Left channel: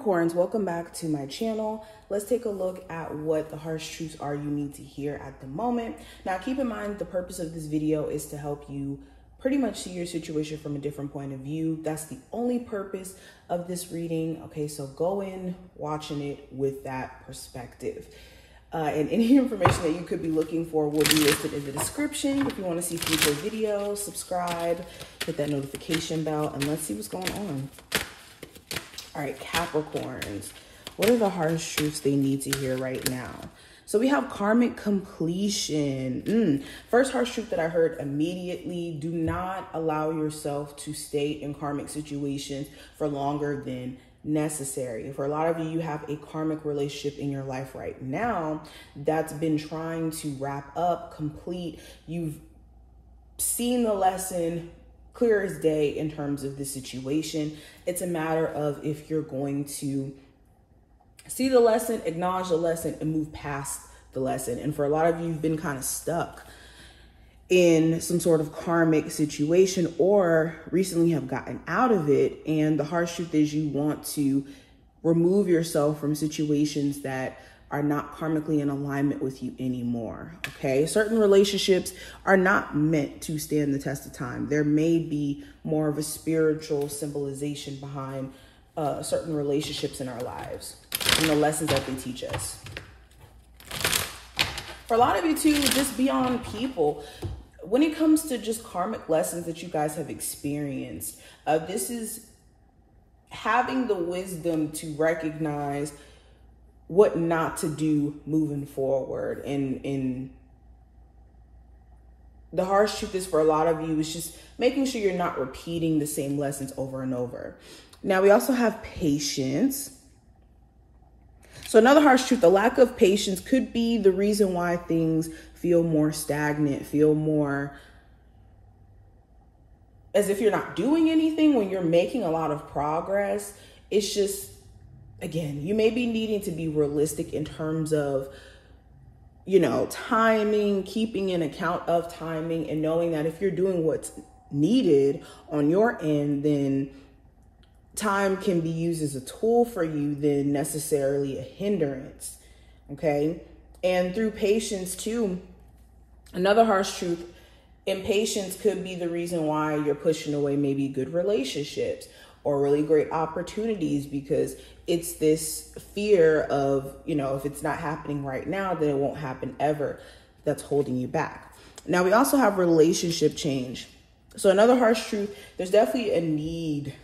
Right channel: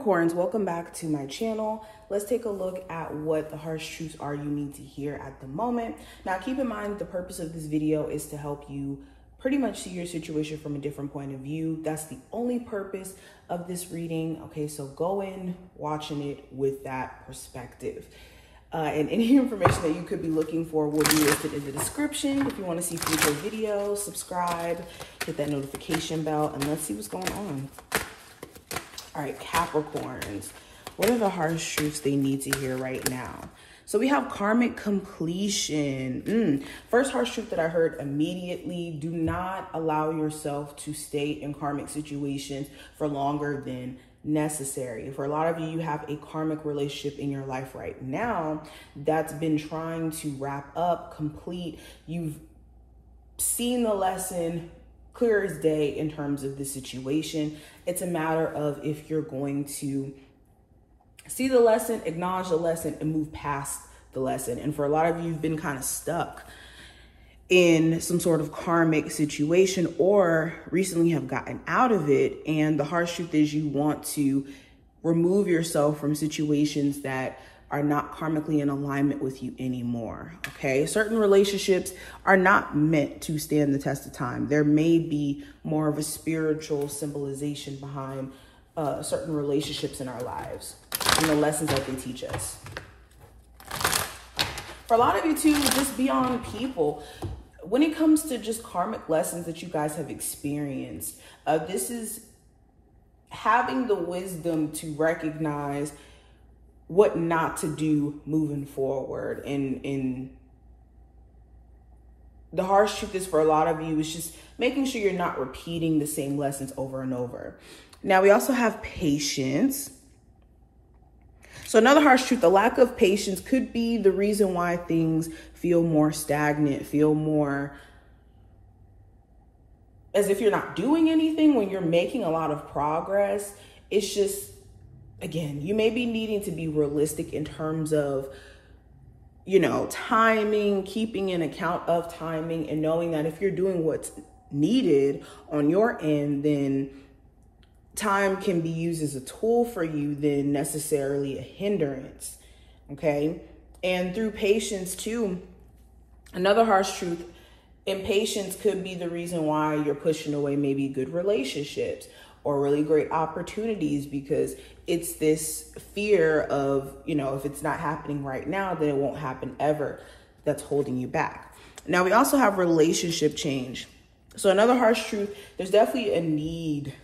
Capricorns, welcome back to my channel. Let's take a look at what the harsh truths are you need to hear at the moment. Now, keep in mind, the purpose of this video is to help you pretty much see your situation from a different point of view. That's the only purpose of this reading. Okay, so go in watching it with that perspective. And any information that you could be looking for will be listed in the description. If you want to see future videos, subscribe, hit that notification bell, and let's see what's going on. All right, Capricorns, what are the harsh truths they need to hear right now? So we have karmic completion. First harsh truth that I heard immediately: do not allow yourself to stay in karmic situations for longer than necessary. For a lot of you, you have a karmic relationship in your life right now that's been trying to wrap up, complete. You've seen the lesson clear as day in terms of the situation. It's a matter of if you're going to see the lesson, acknowledge the lesson, and move past the lesson. And for a lot of you, you've been kind of stuck in some sort of karmic situation, or recently have gotten out of it. And the harsh truth is you want to remove yourself from situations that are not karmically in alignment with you anymore, okay? Certain relationships are not meant to stand the test of time. There may be more of a spiritual symbolization behind certain relationships in our lives and the lessons that they teach us. For a lot of you too, just beyond people, when it comes to just karmic lessons that you guys have experienced, this is having the wisdom to recognize what not to do moving forward. And the harsh truth is, for a lot of you, is just making sure you're not repeating the same lessons over and over. Now, we also have patience. So another harsh truth, the lack of patience could be the reason why things feel more stagnant, feel more as if you're not doing anything when you're making a lot of progress. It's just, again, you may be needing to be realistic in terms of, you know, timing, keeping an account of timing, and knowing that if you're doing what's needed on your end, then time can be used as a tool for you than necessarily a hindrance, okay? And through patience too, another harsh truth, impatience could be the reason why you're pushing away maybe good relationships or really great opportunities, because it's this fear of, you know, if it's not happening right now, then it won't happen ever, that's holding you back. Now, we also have relationship change. So another harsh truth, there's definitely a need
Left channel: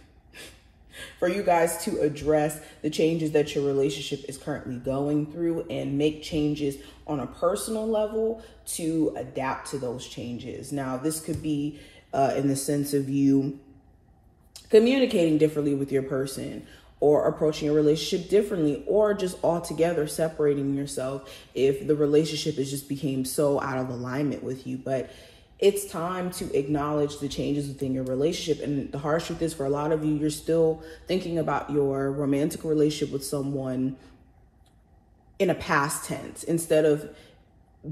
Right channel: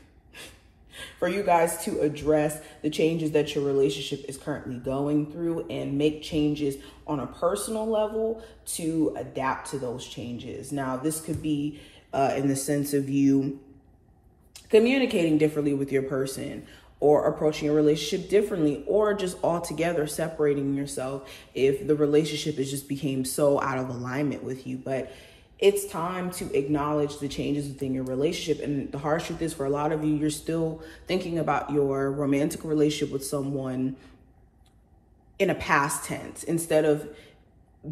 for you guys to address the changes that your relationship is currently going through and make changes on a personal level to adapt to those changes. Now, this could be in the sense of you communicating differently with your person, or approaching a relationship differently, or just altogether separating yourself if the relationship has just became so out of alignment with you. But it's time to acknowledge the changes within your relationship. And the harsh truth is, for a lot of you, you're still thinking about your romantic relationship with someone in a past tense instead of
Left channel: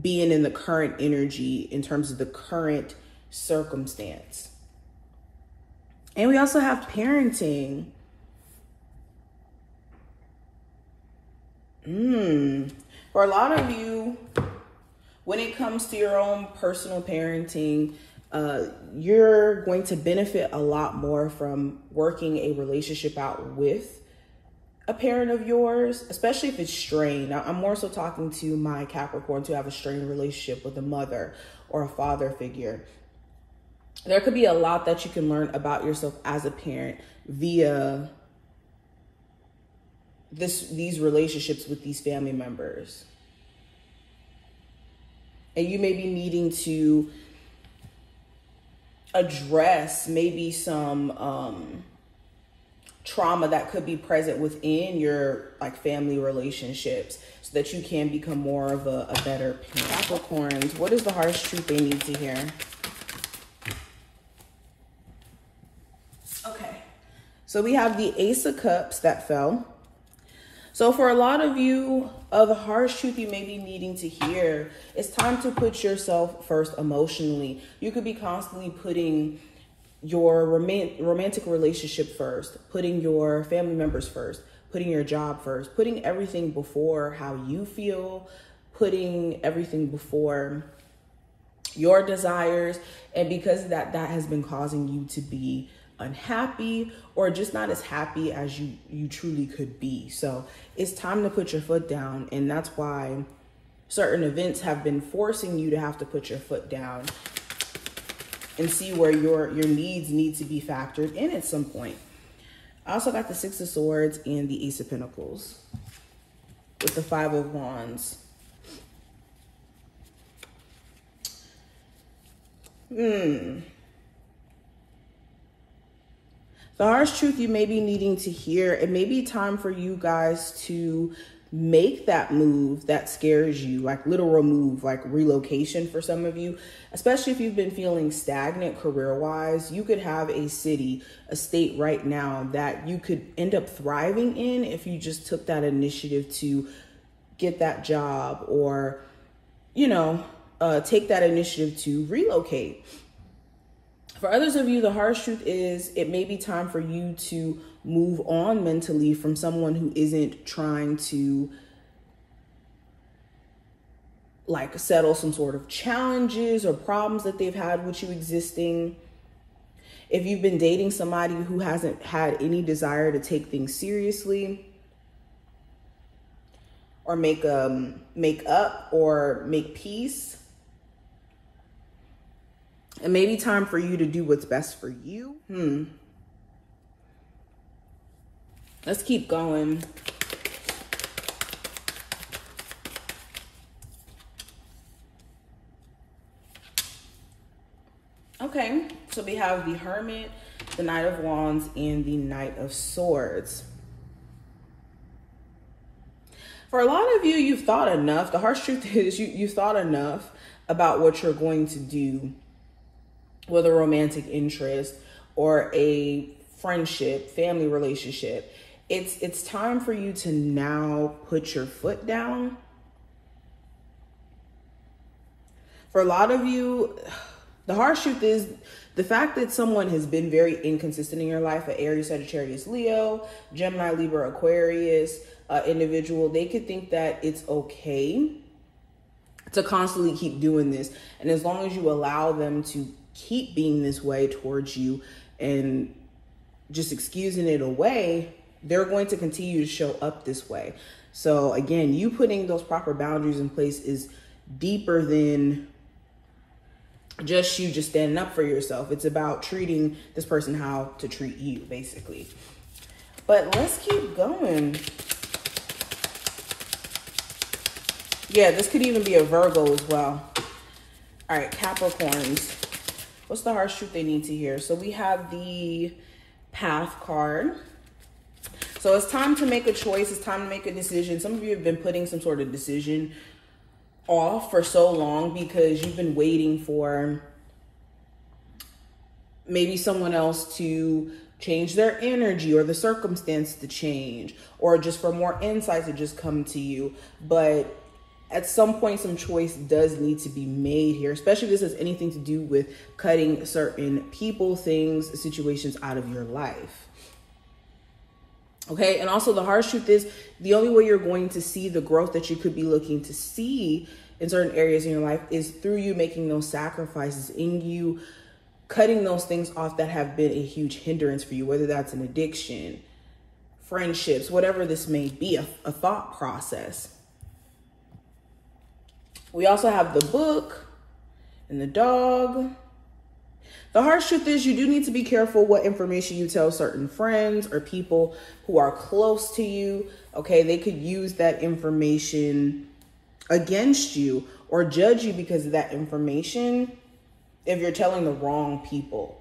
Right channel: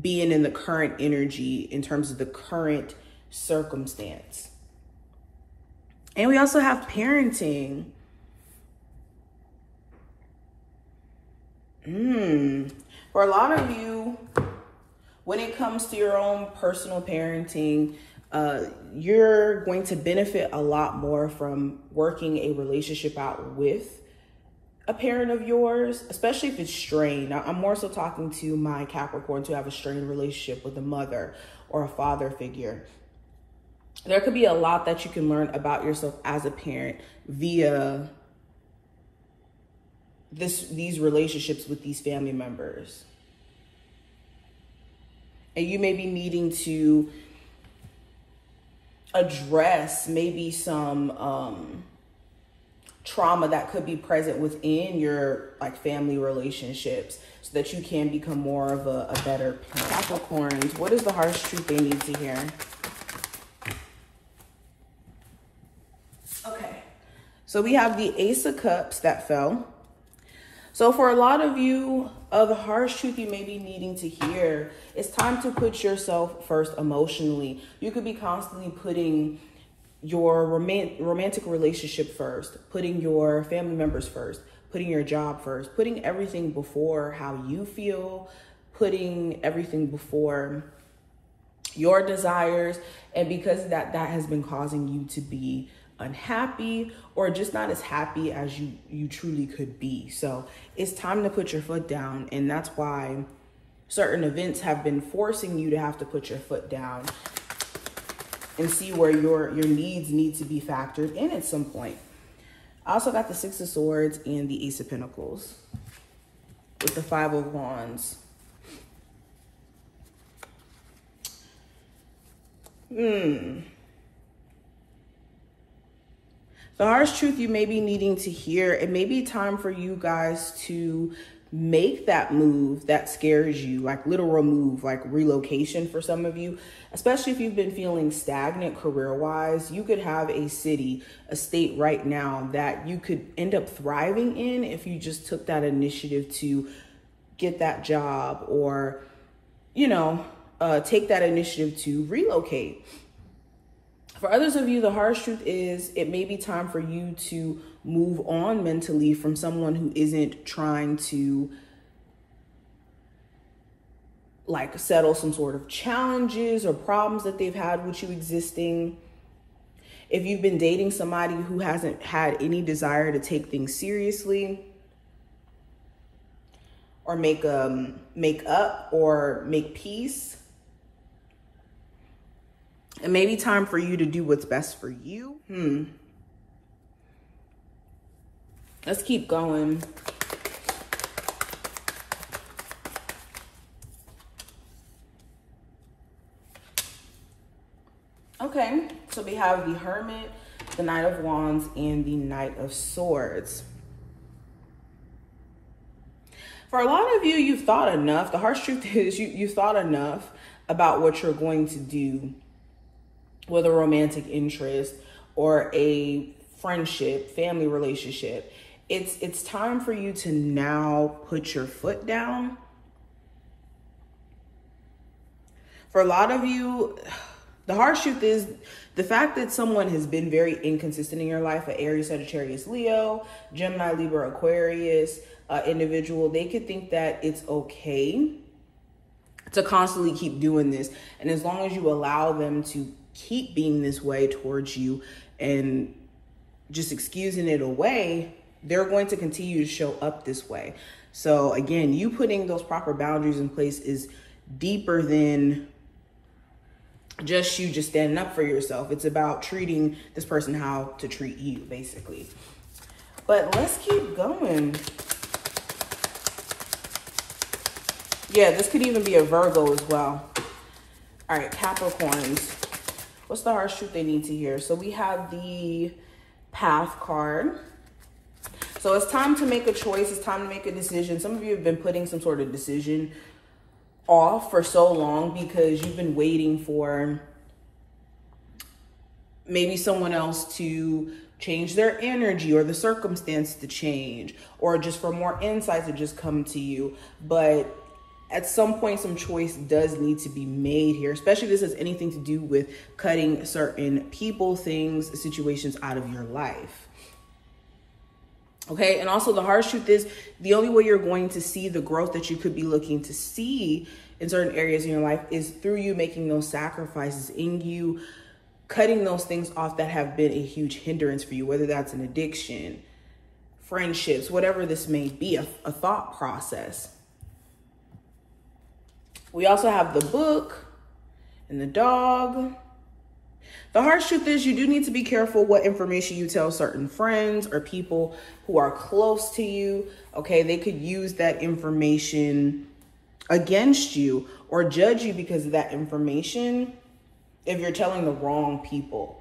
being in the current energy in terms of the current circumstance. And we also have parenting. For a lot of you, when it comes to your own personal parenting, you're going to benefit a lot more from working a relationship out with a parent of yours, especially if it's strained. Now, I'm more so talking to my Capricorns who have a strained relationship with a mother or a father figure. There could be a lot that you can learn about yourself as a parent via these relationships with these family members. And you may be needing to address maybe some trauma that could be present within your family relationships so that you can become more of a better parent. Capricorns, what is the harsh truth they need to hear? Okay, so we have the Ace of Cups that fell. So for a lot of you, the harsh truth you may be needing to hear, it's time to put yourself first emotionally. You could be constantly putting your romantic relationship first, putting your family members first, putting your job first, putting everything before how you feel, putting everything before your desires. And because of that, that has been causing you to be unhappy or just not as happy as you truly could be. So it's time to put your foot down. And that's why certain events have been forcing you to have to put your foot down and see where your needs need to be factored in at some point. I also got the Six of Swords and the Ace of Pentacles with the Five of Wands. The harsh truth you may be needing to hear, it may be time for you guys to make that move that scares you, like literal move, like relocation for some of you, especially if you've been feeling stagnant career-wise. You could have a city, a state right now that you could end up thriving in if you just took that initiative to get that job or, you know, take that initiative to relocate. For others of you, the harsh truth is it may be time for you to move on mentally from someone who isn't trying to like settle some sort of challenges or problems that they've had with you existing. If you've been dating somebody who hasn't had any desire to take things seriously or make up or make peace, it may be time for you to do what's best for you. Let's keep going. Okay, so we have the Hermit, the Knight of Wands, and the Knight of Swords. For a lot of you, you've thought enough. The harsh truth is you've thought enough about what you're going to do with a romantic interest or a friendship, family relationship. It's time for you to now put your foot down. For a lot of you, the harsh truth is the fact that someone has been very inconsistent in your life, an Aries, Sagittarius, Leo, Gemini, Libra, Aquarius individual, they could think that it's okay to constantly keep doing this. And as long as you allow them to keep being this way towards you and just excusing it away, they're going to continue to show up this way. So again, you putting those proper boundaries in place is deeper than just you just standing up for yourself. It's about treating this person how to treat you, basically. But let's keep going. Yeah, this could even be a Virgo as well. All right, Capricorns. What's the harsh truth they need to hear? So we have the Path card. So it's time to make a choice. It's time to make a decision. Some of you have been putting some sort of decision off for so long because you've been waiting for maybe someone else to change their energy or the circumstance to change or just for more insight to just come to you. But at some point, some choice does need to be made here, especially if this has anything to do with cutting certain people, things, situations out of your life. Okay, and also the harsh truth is the only way you're going to see the growth that you could be looking to see in certain areas in your life is through you making those sacrifices, in you cutting those things off that have been a huge hindrance for you, whether that's an addiction, friendships, whatever this may be, a thought process. We also have the Book and the Dog. The harsh truth is you do need to be careful what information you tell certain friends or people who are close to you. Okay, they could use that information against you or judge you because of that information if you're telling the wrong people.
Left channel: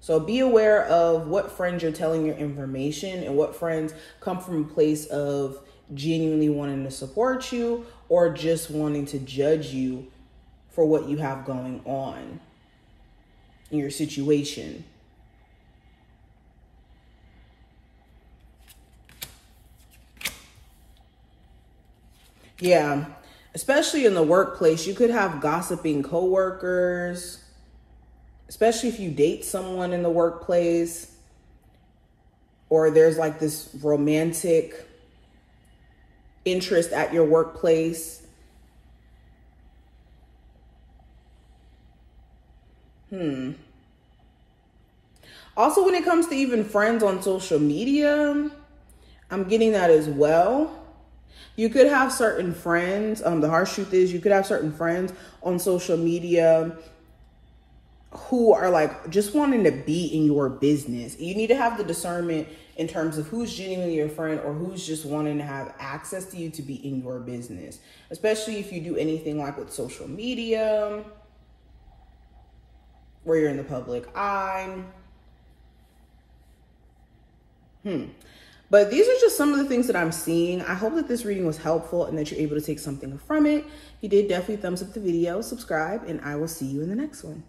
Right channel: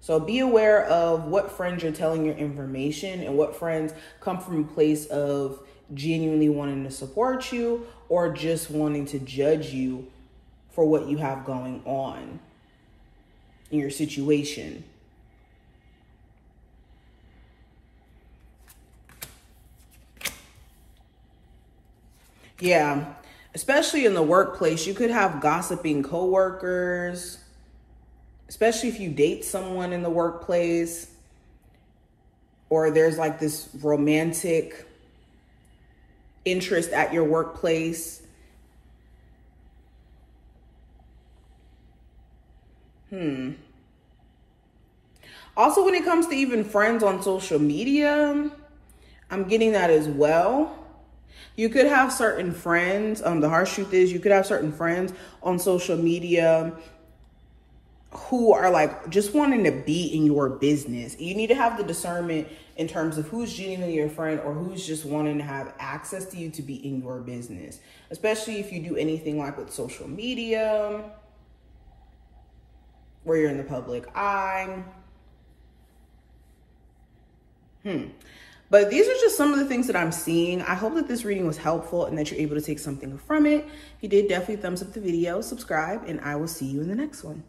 So be aware of what friends you're telling your information and what friends come from a place of genuinely wanting to support you or just wanting to judge you for what you have going on in your situation. Yeah, especially in the workplace, you could have gossiping coworkers, especially if you date someone in the workplace, or there's like this romantic interest at your workplace. Also, when it comes to even friends on social media, I'm getting that as well. You could have certain friends, the harsh truth is you could have certain friends on social media who are like just wanting to be in your business. You need to have the discernment in terms of who's genuinely your friend or who's just wanting to have access to you to be in your business, especially if you do anything like with social media, where you're in the public eye. But these are just some of the things that I'm seeing. I hope that this reading was helpful and that you're able to take something from it. If you did, definitely thumbs up the video, subscribe, and I will see you in the next one.